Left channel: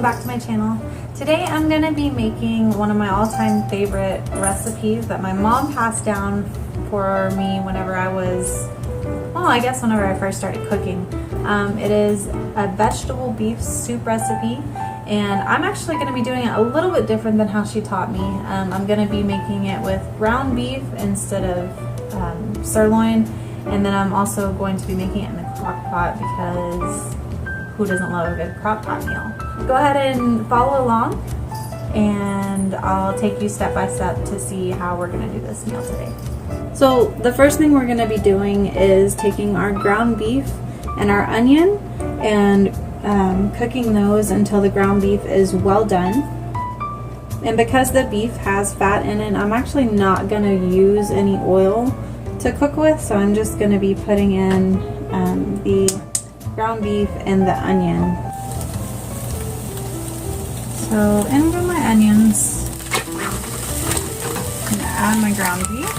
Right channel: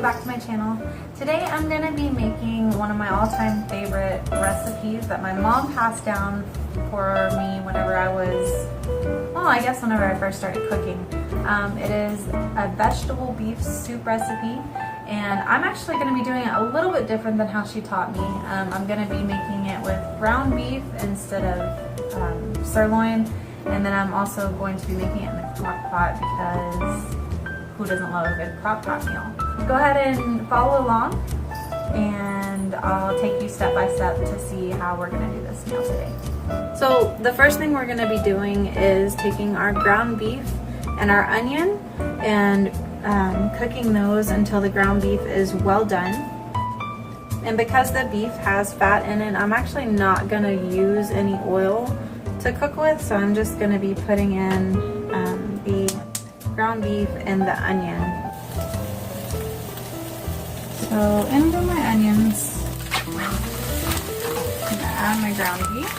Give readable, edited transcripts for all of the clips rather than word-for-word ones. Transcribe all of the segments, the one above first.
welcome back to my channel. Today I'm going to be making one of my all-time favorite recipes that my mom passed down for me whenever I was, well, I guess whenever I first started cooking. It is a vegetable beef soup recipe, and I'm actually going to be doing it a little bit different than how she taught me. I'm going to be making it with ground beef instead of sirloin, and then I'm also going to be making it in the crock pot because who doesn't love a good crock pot meal? Go ahead and follow along, and I'll take you step by step to see how we're going to do this meal today. So the first thing we're going to be doing is taking our ground beef and our onion and cooking those until the ground beef is well done. And because the beef has fat in it, I'm actually not going to use any oil to cook with, so I'm just going to be putting in the ground beef and the onion. So in go my onions. I'm going to add my ground beef.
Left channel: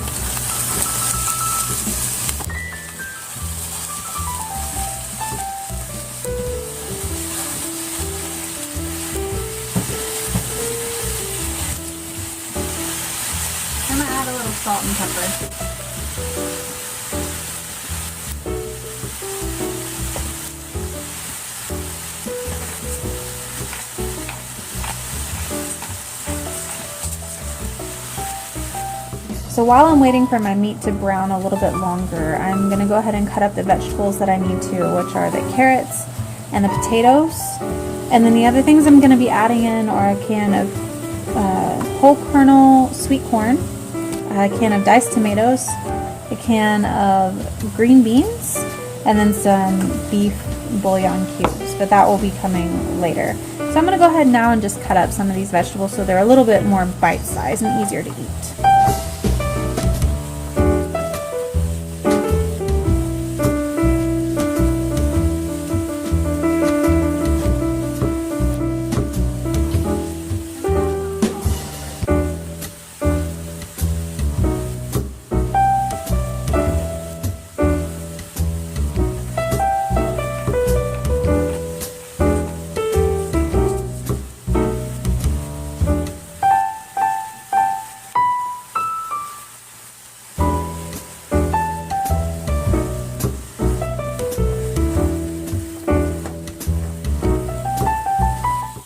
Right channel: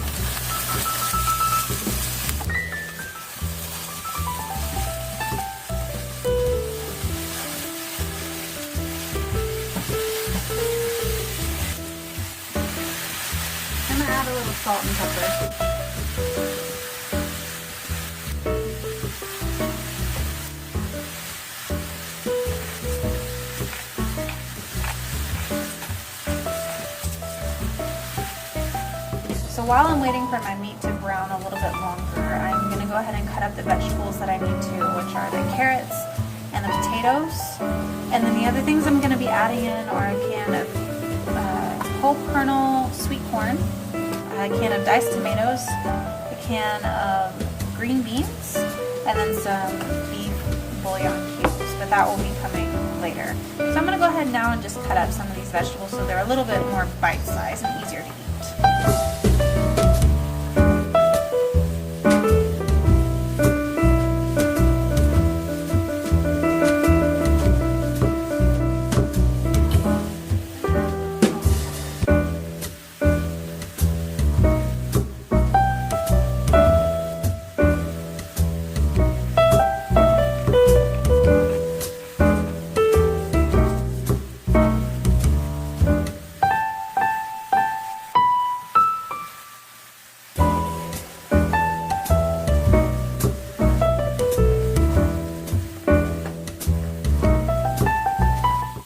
I'm going to add a little salt and pepper. So while I'm waiting for my meat to brown a little bit longer, I'm going to go ahead and cut up the vegetables that I need to, which are the carrots and the potatoes. And then the other things I'm going to be adding in are a can of whole kernel sweet corn, a can of diced tomatoes, a can of green beans, and then some beef bouillon cubes, but that will be coming later. So I'm going to go ahead now and just cut up some of these vegetables so they're a little bit more bite-sized and easier to eat.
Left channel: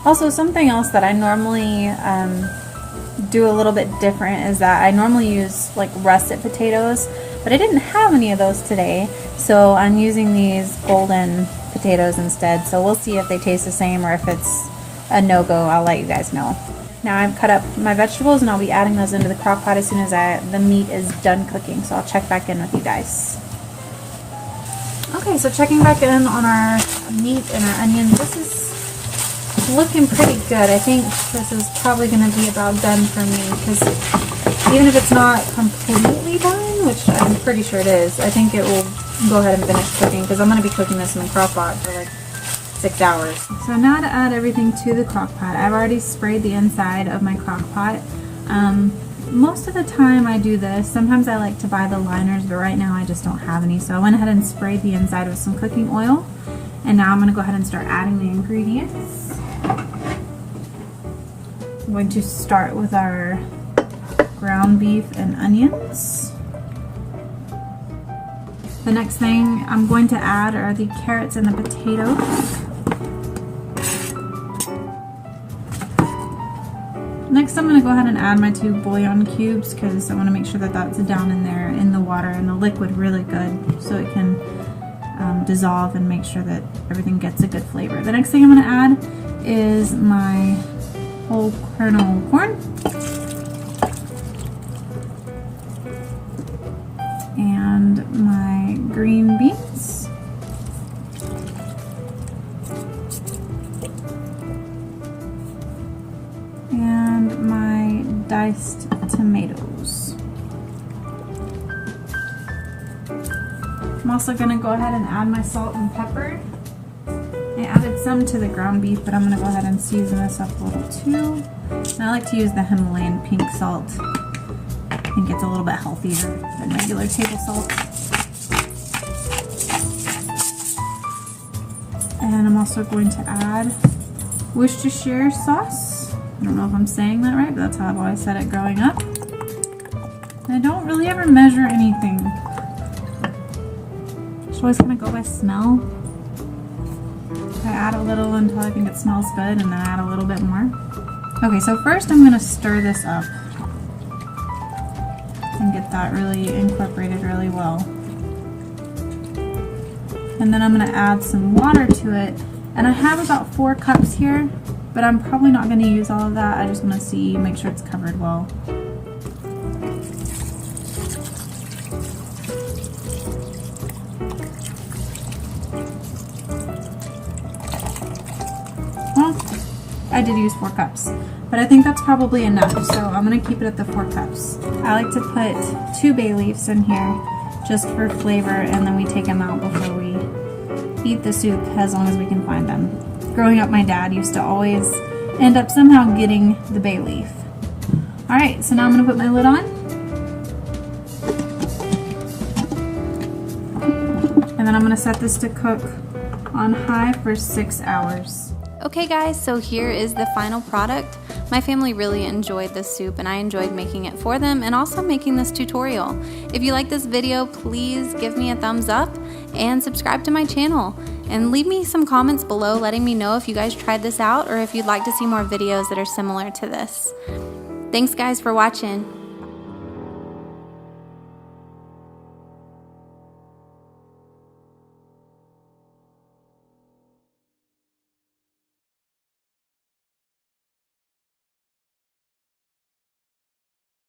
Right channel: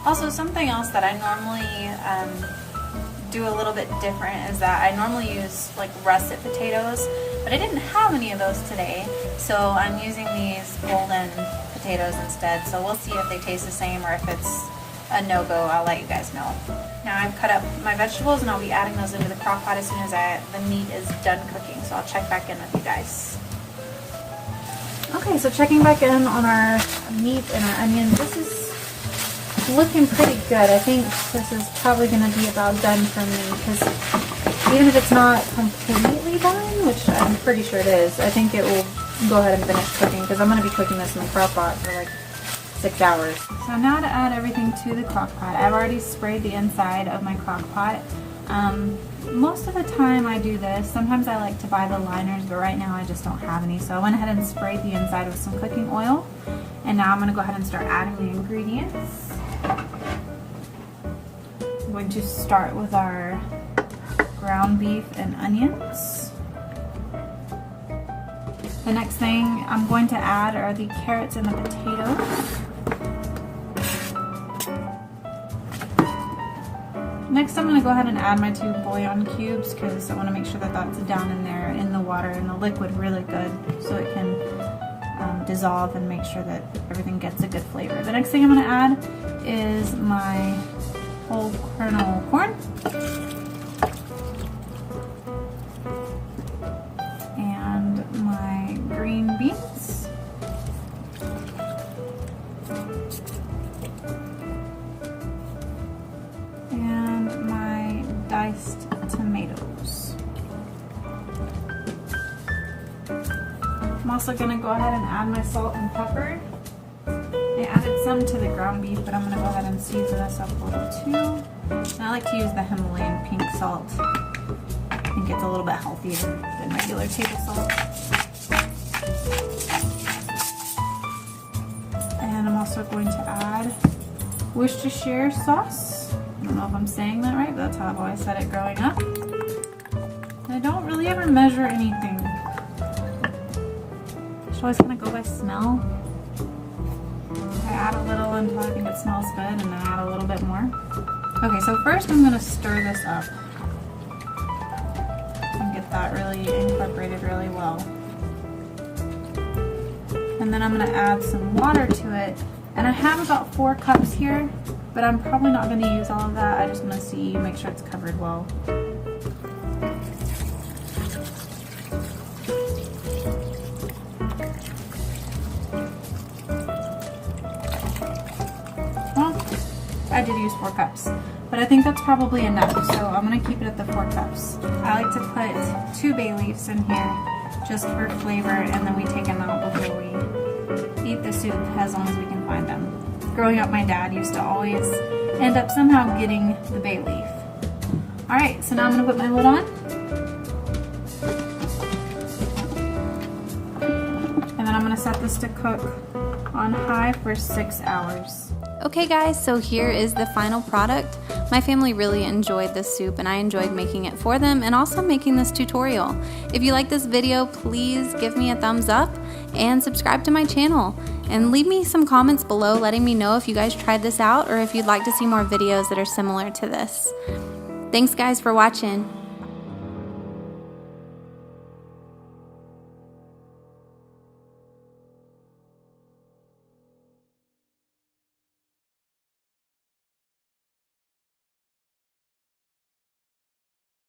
Also, something else that I normally do a little bit different is that I normally use like russet potatoes, but I didn't have any of those today, so I'm using these golden potatoes instead. So we'll see if they taste the same or if it's a no-go. I'll let you guys know. Now I've cut up my vegetables and I'll be adding those into the crock pot as soon as the meat is done cooking, so I'll check back in with you guys. Okay, so checking back in on our meat and our onions. This is looking pretty good. I think this is probably going to be about done for me, because even if it's not completely done, which I'm pretty sure it is, I think it will go ahead and finish cooking, because I'm going to be cooking this in the crock pot for like 6 hours. So now to add everything to the crock pot, I've already sprayed the inside of my crock pot. Most of the time I do this. Sometimes I like to buy the liners, but right now I just don't have any. So I went ahead and sprayed the inside with some cooking oil. And now I'm going to go ahead and start adding the ingredients. I'm going to start with our ground beef and onions. The next thing I'm going to add are the carrots and the potatoes. Next, I'm going to go ahead and add my 2 bouillon cubes, because I want to make sure that that's down in there in the water and the liquid really good, so it can dissolve and make sure that everything gets a good flavor. The next thing I'm going to add is my whole kernel corn and my green beans and my diced tomatoes. I'm also going to go ahead and add my salt and pepper. I added some to the ground beef, but I'm going to go ahead and season this up a little too. And I like to use the Himalayan pink salt. I think it's a little bit healthier than regular table salt. And I'm also going to add Worcestershire sauce. I don't know if I'm saying that right, but that's how I've always said it growing up. I don't really ever measure anything. Just always kind of go by smell. I add a little until I think it smells good, and then add a little bit more. Okay, so first I'm going to stir this up and get that really incorporated really well. And then I'm going to add some water to it. And I have about 4 cups here, but I'm probably not going to use all of that. I just want to see, make sure it's covered well. I did use 4 cups, but I think that's probably enough, so I'm going to keep it at the 4 cups. I like to put 2 bay leaves in here just for flavor, and then we take them out before we eat the soup as long as we can find them. Growing up, my dad used to always end up somehow getting the bay leaf. Alright, so now I'm going to put my lid on. And then I'm going to set this to cook on high for 6 hours. Okay guys, so here is the final product. My family really enjoyed this soup and I enjoyed making it for them and also making this tutorial. If you like this video, please give me a thumbs up and subscribe to my channel. And leave me some comments below letting me know if you guys tried this out or if you'd like to see more videos that are similar to this. Thanks guys for watching.